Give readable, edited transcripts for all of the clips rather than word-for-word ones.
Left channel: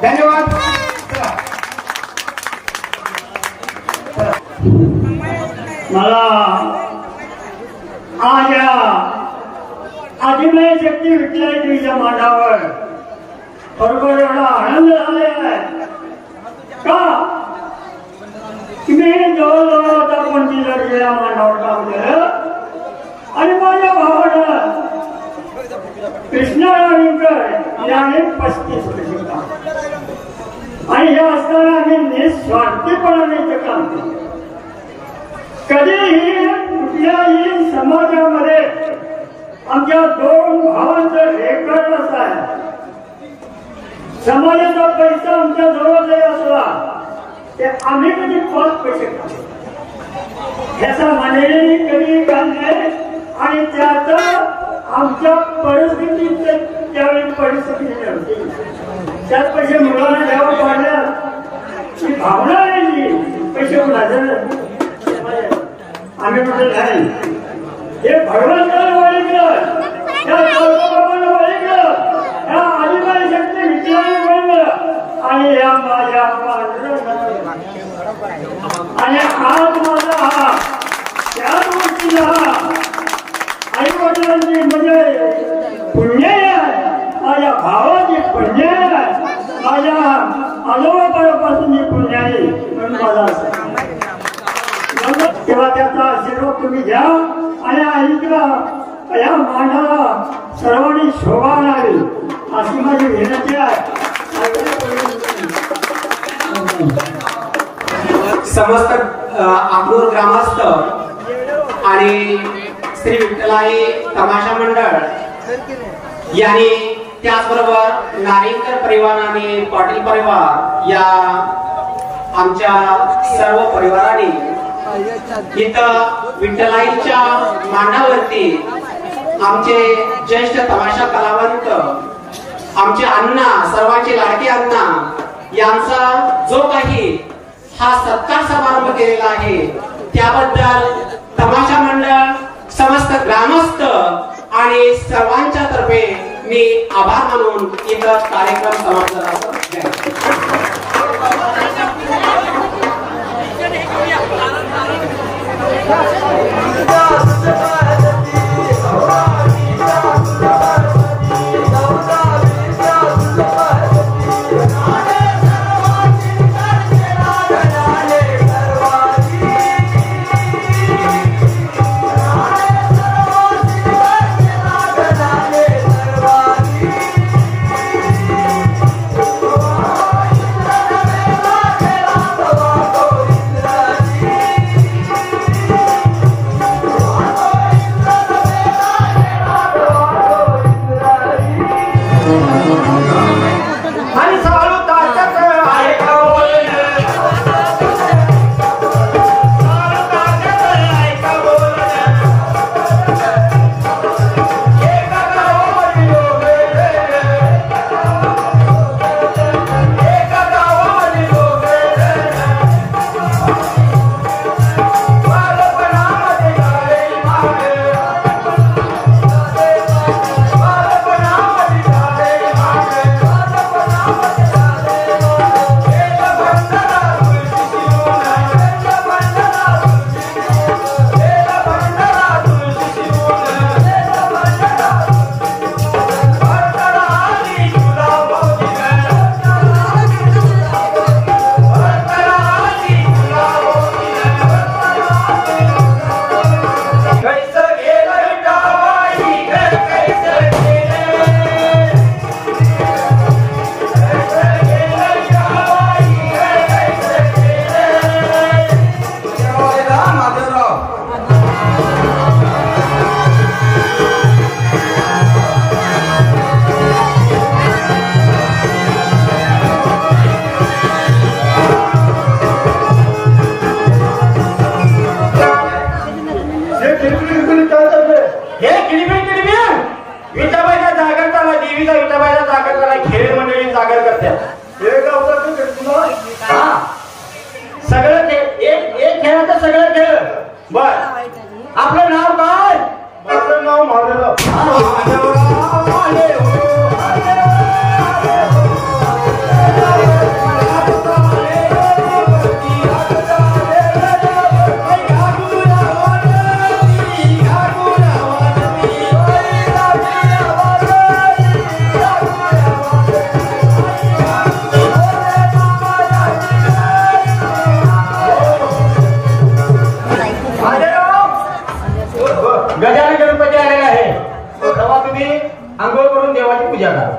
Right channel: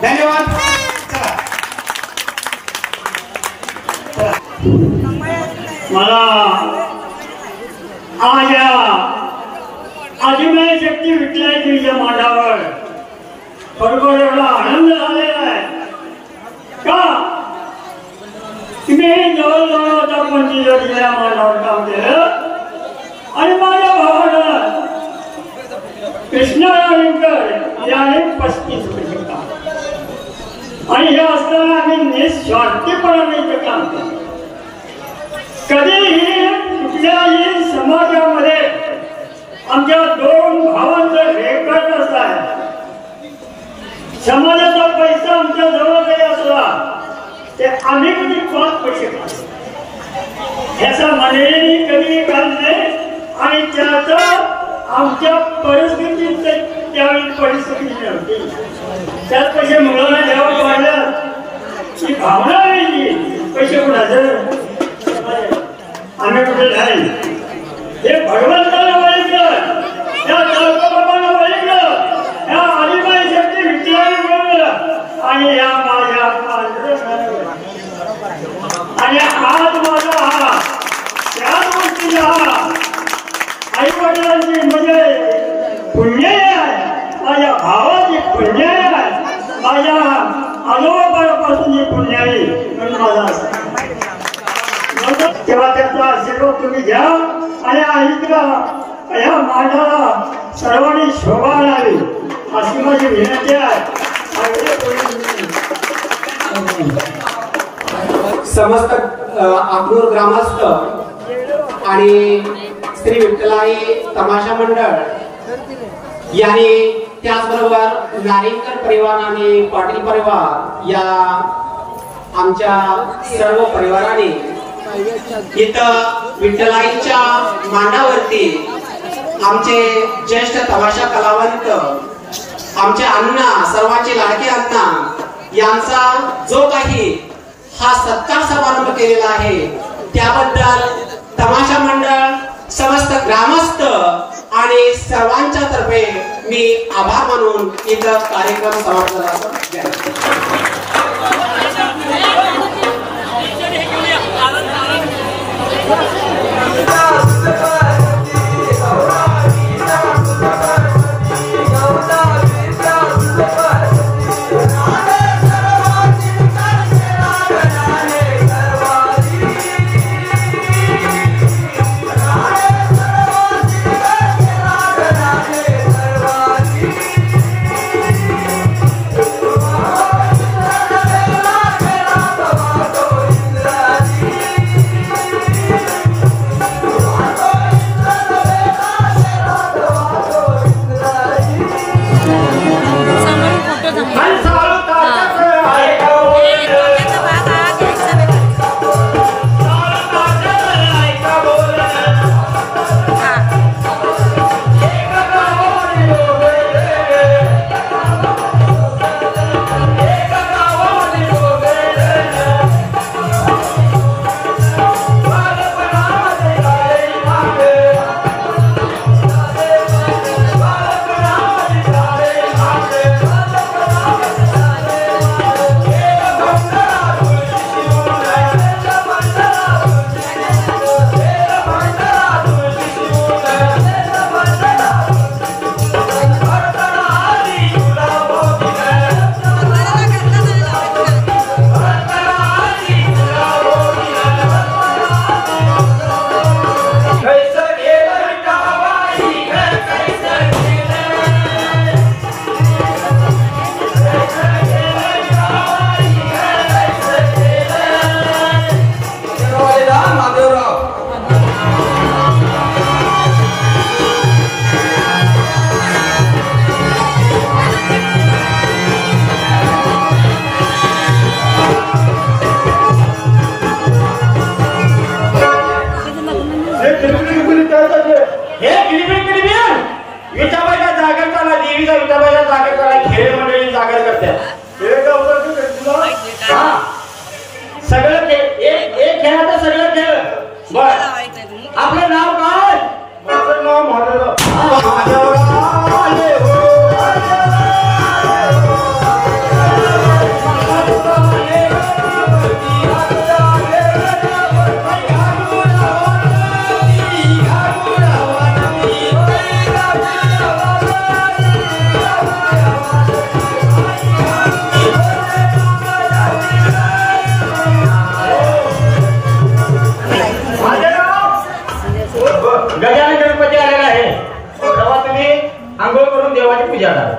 धन्यवाद. मला आज या आदिमय शक्ती विठ्ठलाच्या मांडावर बरोबर एवढा आनंद झालेला आहे का तुम्ही जवळजवळ आता 25 मांडावर काम केलं आणि माझ्या भावानं कृष्णा नाविकर याने 35 वर्ष काम आणि हे असताना आम्ही निस्वार्थीपणाने इथे काम केलं. कधीही कुठल्याही समाजामध्ये आमच्या 2 भावांचं रेकॉर्ड असतात. समाजाचा पैसा आमच्या जवळ काही असला ते आम्ही कधी 5 पैसे खातो ह्याचा मंडळींनी कधी घालले आणि त्याचं आमच्या परिस्थितीत त्यावेळी परिस्थिती नव्हती. त्यात पैसे मुलांना द्यावं पाहिलं ही भावना नाही पैसे कुणाचं आम्ही कुठे नाही. हे भगवंतानं ओळखलं, त्या बाबानं ओळखलं, ह्या आदिमाई शक्ती विठ्ठलाने ओळखलं आणि या माझ्या पांडुरंगानं आणि आज माझा हा त्याच गोष्टीचा आई वडिलांची म्हणजे पुण्य आहे, माझ्या भावाची पुण्य आहे, माझ्या आजोबापासून जी पुण्य आहे म्हणून माझा तेव्हा त्याचा आशीर्वाद तुम्ही घ्या आणि ऐका या मांडाला सर्वांनी शोभा आणावी अशी माझी विनंती आहे. समस्त अक्रूर ग्रामस्थ आणि श्री विठ्ठलाई तमाशा मंडळ यांनी त्याचबरोबर नारिंकर परिवार आणि पाटील परिवार या आमच्या सर्व परिवारांनी इथं विठ्ठलाईच्या मांडावरती आमचे ज्येष्ठ तमाशा कलावंत आमचे अण्णा सर्वांचे लाडके अण्णा यांचा जो काही हा सत्कार समारंभ केलेला आहे त्याबद्दल तमाशा मंडळ समस्त ग्रामस्थ आणि सर्वांच्या तर्फे मी आभार मानून इथं कार्यक्रम समाप्त करतो. सगळं एक खेळाचं सगळं खेळ बर आपलं नाव काय गजानन गणपती आलेला आहे. तेव्हा तुम्ही आंघोळ करून देवाची पूजा करा.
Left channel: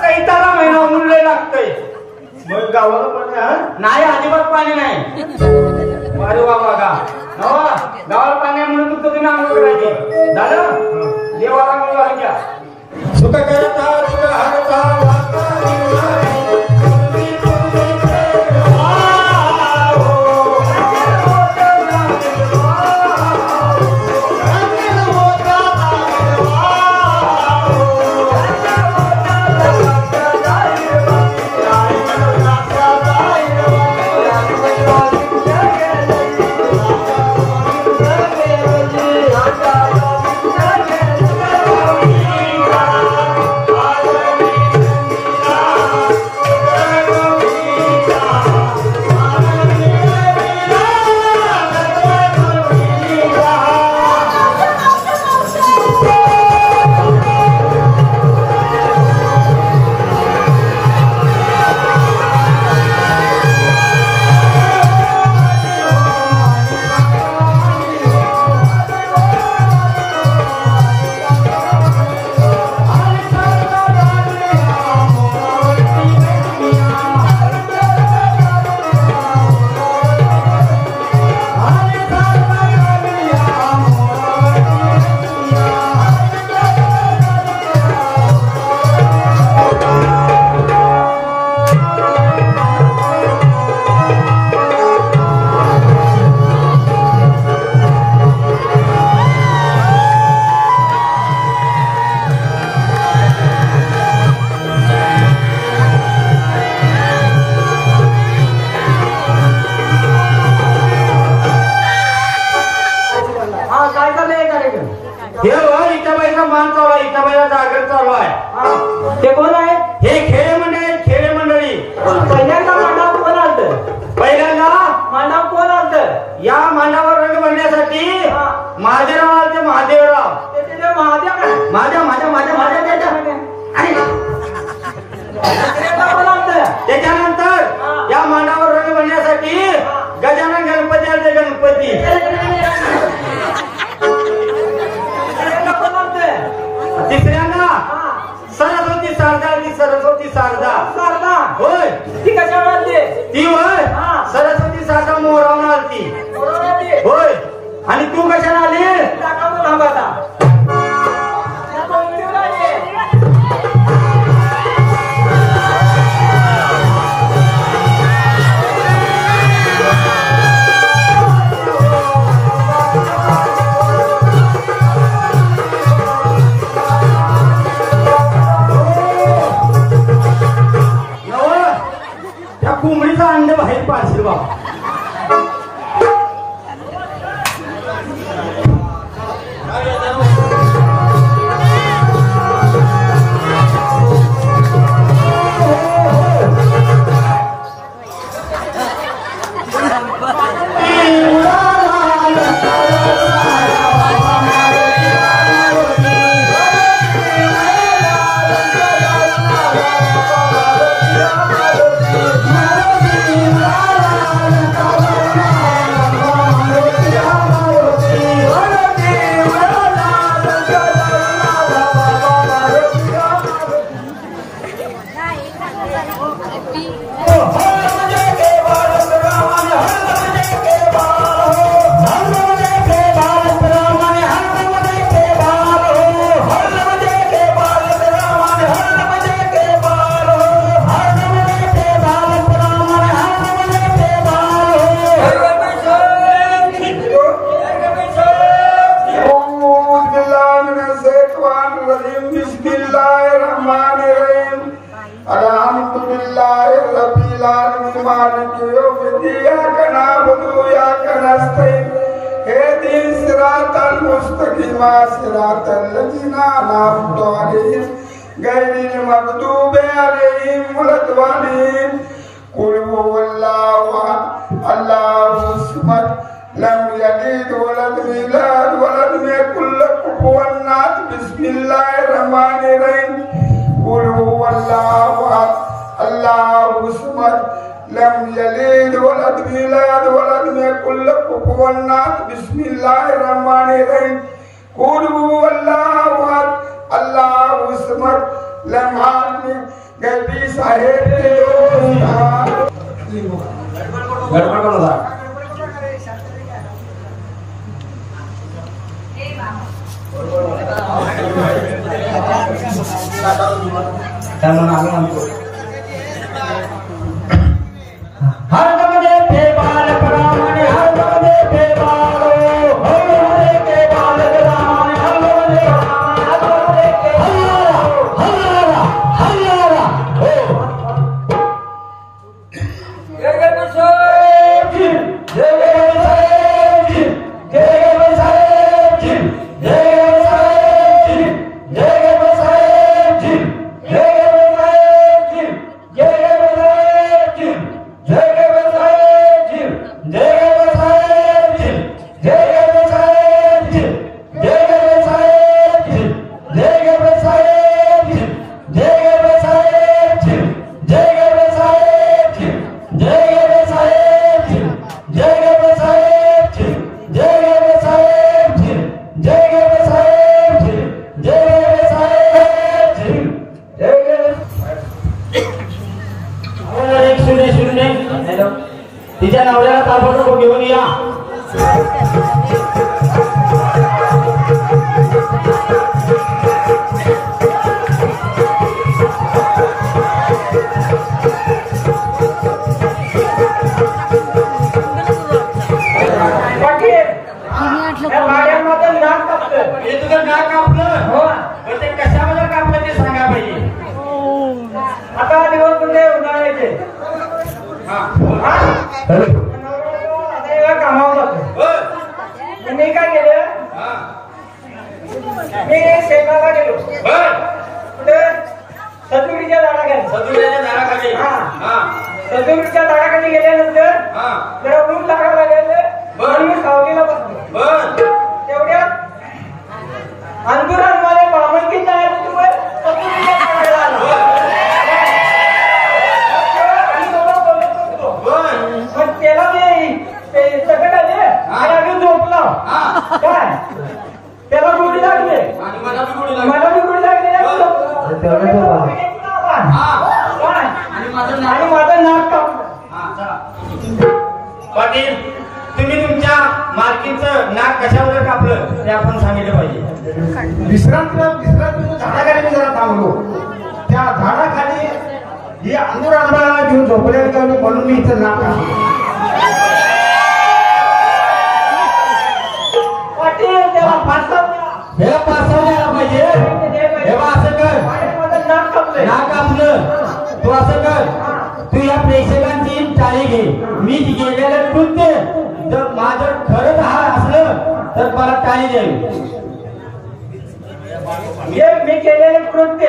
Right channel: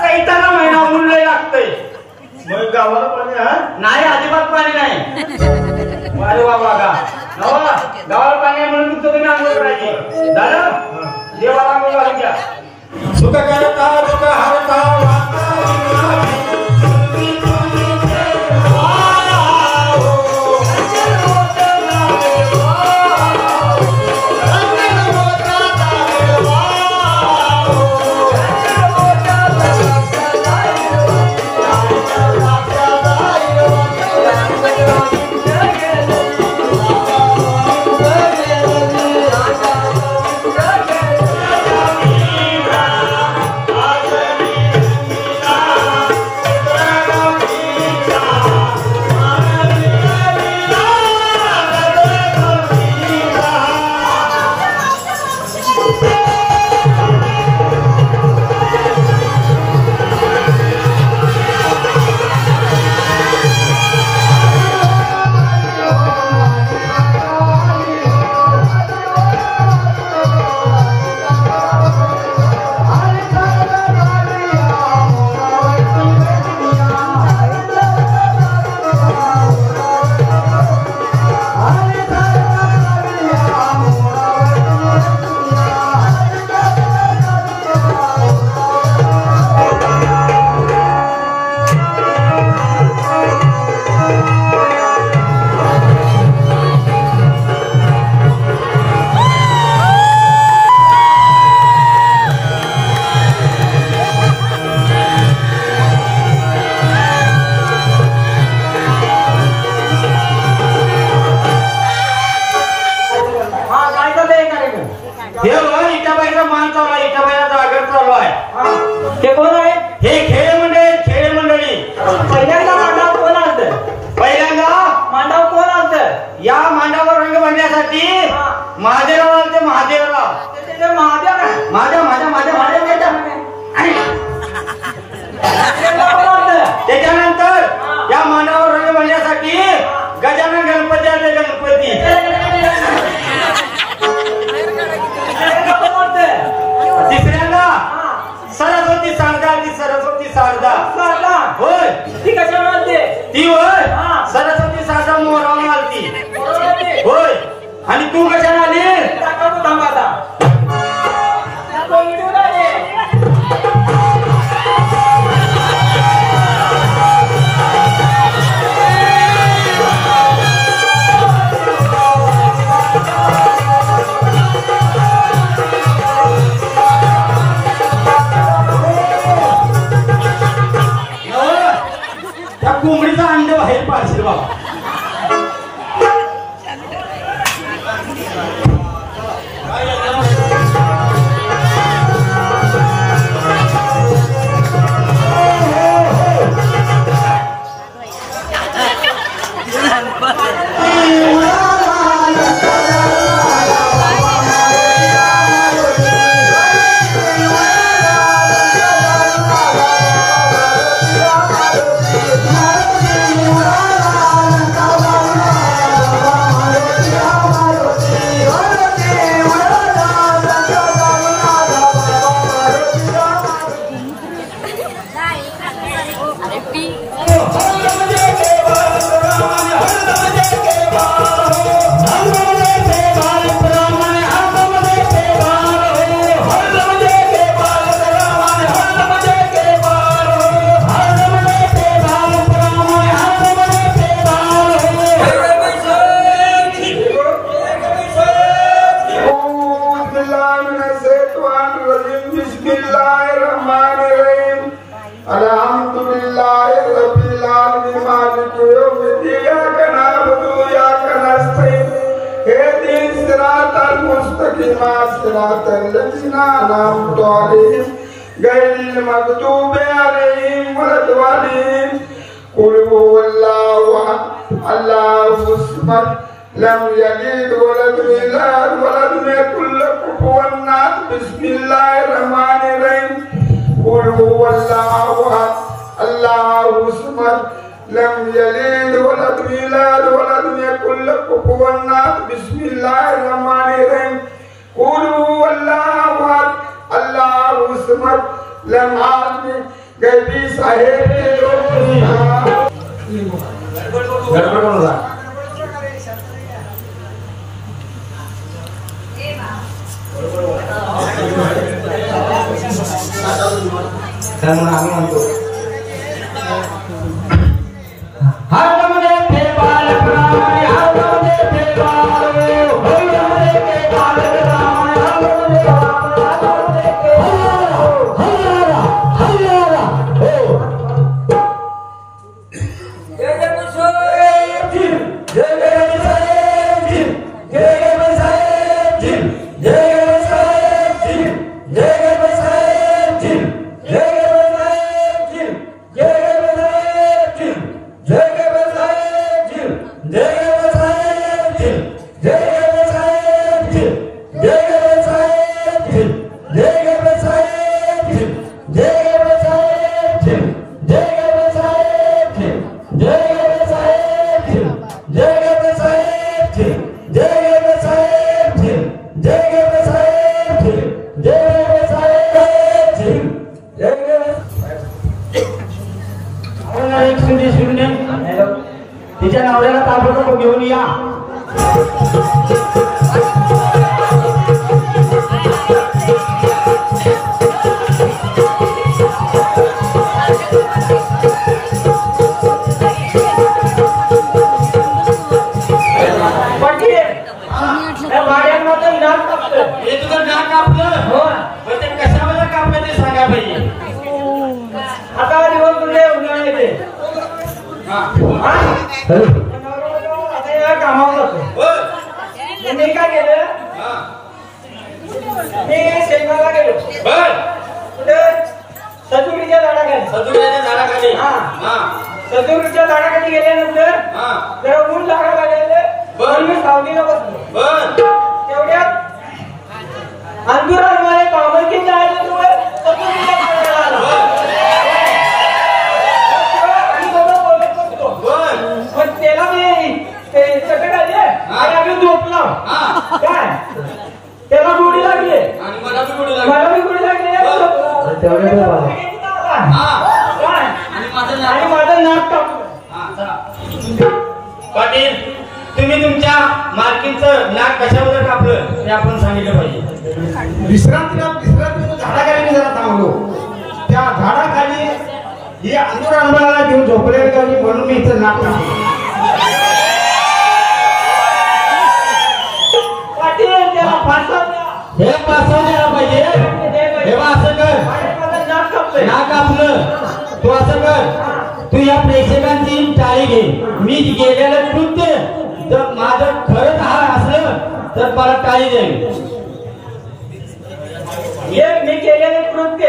चैताला महिना ऊन लय लागतंय. मग गावाला पाणी नाही, अजिबात पाणी नाही. अरे बाबा गावाला पाणी आहे म्हणून तुम्ही आंघोळ करायची. झालं देवाला आंघोळ घालून घ्या. सुख करता सुख हरता गजानन गणपती आले. गणपती तिसऱ्यांदा सरस्वती शारदा. ती सरस्वती शारदा होय. ती कशावर आलते? ती होय सरस्वती शारदा मोहरम आलती होय. आणि तू कशाला आली? कोंबडीचा अंड बाहेर पाडशील बाबा. لم يلد ولم يولد ولم يكن له बिस्मिल्लाहिर्रहमानिर्रहीम कुल हुवल्लाहु अहद अल्लाहु समद लम यलिद वलम यूलद वलम यकुल लहु कुफुवन अहद बिस्मिल्लाहिर्रहमानिर्रहीम कुल हुवल्लाहु अहद अल्लाहु समद लम आदमी गैबी साहेब गड़बड़ होगा saya mau nanggung तिच्या नवऱ्याला ताबडतोब घेऊन या कशाला कापलं ते सांगा पाहिजे आता दिवस तुझे उन्हाळ्याचे कामावर मी काय केलं मी शेताला गेलो सजुरीच्या झाडाखाली गेल्यानंतर जरा ऊन लागायला लागले मी सावलीला बसलो तेवढ्यात अंधुरात मला बाबांची त्याला मी चटक आले झोपला काय त्याला गोडी लागली मला बी गोडी लागली आणि माझं नाक कापलं पाटील तुम्ही तुमच्या मालकीचं नाक कशावर कापलं ते आपण सांगितलं पाहिजे विश्रांतीला झाडाखाली मी जरा थांबलो त्या झाडाखाली ही अंधुर आंबा घेऊन झोपले म्हणून मी इथं नाक कापलं नाक कापलं तू असं कर तू या प्रेक्षकांची टाळी घे मी गेलेलं कृत्य जर माझं खरंच हा असलं तर मला टाळी द्यावी हे मी केलेलं कृत्य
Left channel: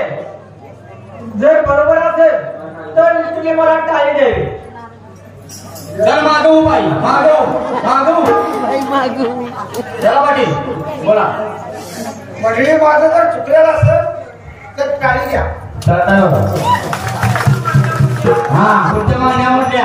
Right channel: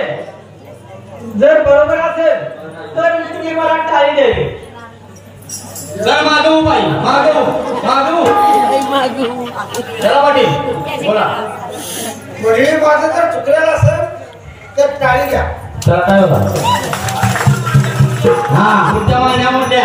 जर बरोबर असेल तर तुम्ही मला टाळी द्यावी चल मागू बाई मागू चला पाटील बोला म्हणजे माझं जर चुकलेलं असेल तर टाळी घ्या हा पुढच्या महिन्यामध्ये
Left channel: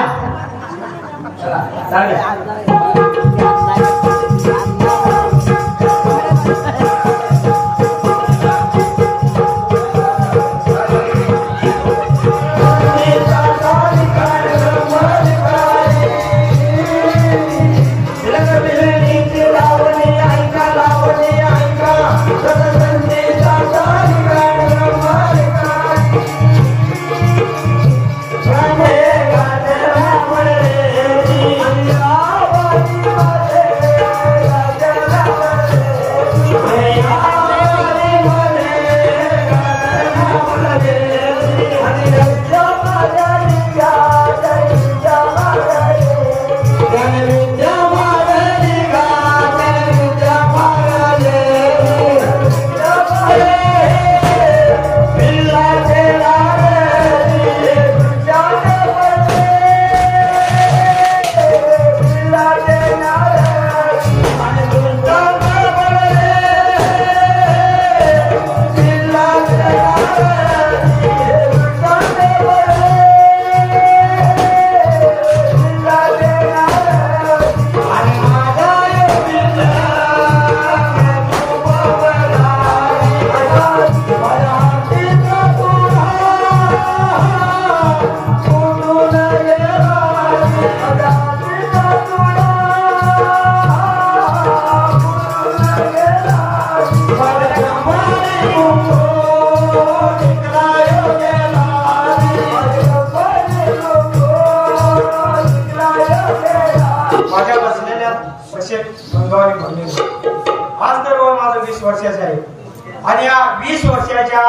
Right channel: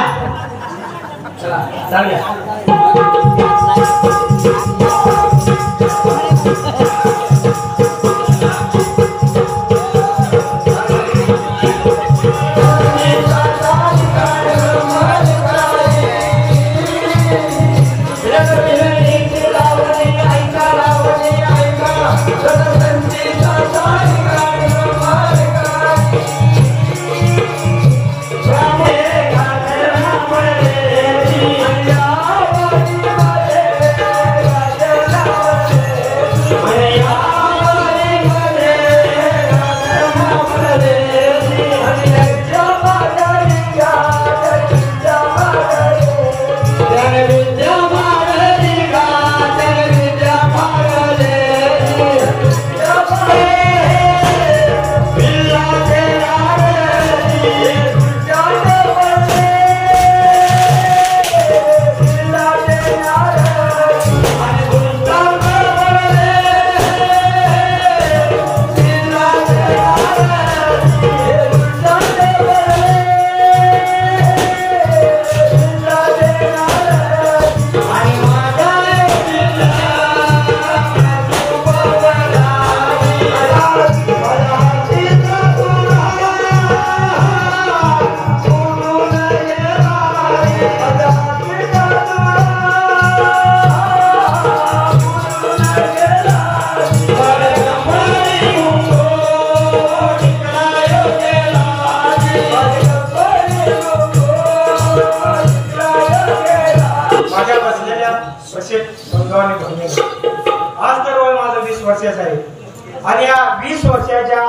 वर्षाचा आहे आणि या 20 वर्षाच्या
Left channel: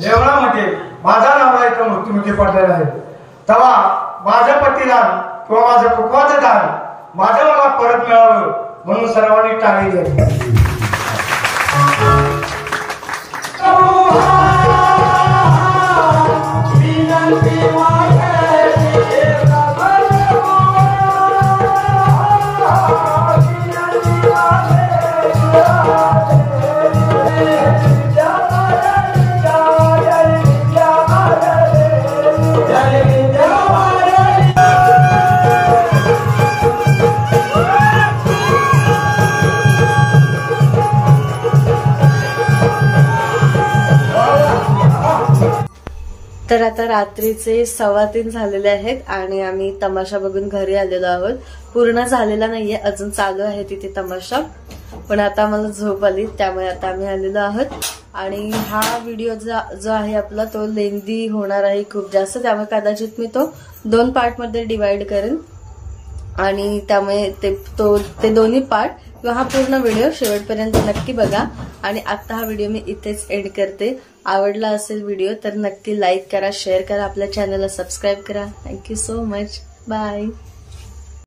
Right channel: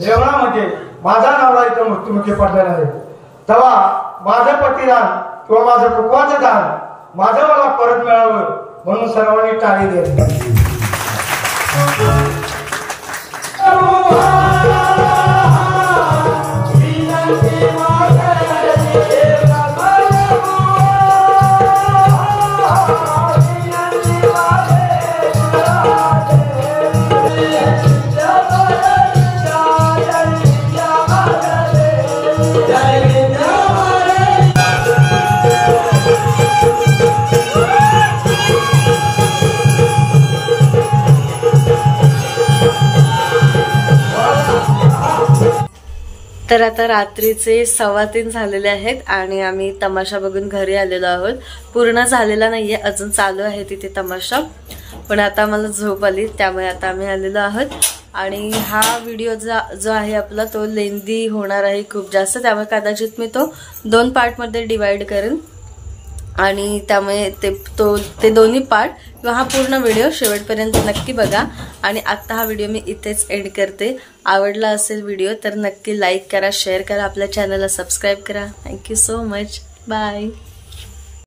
जेवणामध्ये माझा नवरा इथं मृत्युमुखी पडलेला आहे. तेव्हा माझं पतिदान किंवा माझं कुटुंबाचं दान माझं मला परत मिळावं म्हणून सर्वांनी टाळी द्यावी. तर आता रात्रीचे 3:15 झालेले आहेत आणि आम्ही तमाशा बघून घरी आलेलो आहोत. पूर्ण झालेला नाहीये, अजून चालू आहे तिथे तमाशा, पण आता आम्हाला झोप आली त्यामुळे आता आम्ही आलेलो आहोत. आणि हा व्हिडिओ जो आहे आपला तो लेंदी होणार आहे खूप जास्त, त्यामुळे कदाचित मी तो 2 पार्टमध्ये डिवाइड करेन आणि त्यामुळे ते दोन्ही पार्ट किंवा हा पूर्ण व्हिडिओ शेवटपर्यंत नक्की बघा. आणि आता हा व्हिडिओ मी इथेच एंड करते. आवडला असेल व्हिडिओ तर नक्की लाईक करा, शेअर करा, आपल्या चॅनलला सबस्क्राईब करा. Thank you so much. बाय.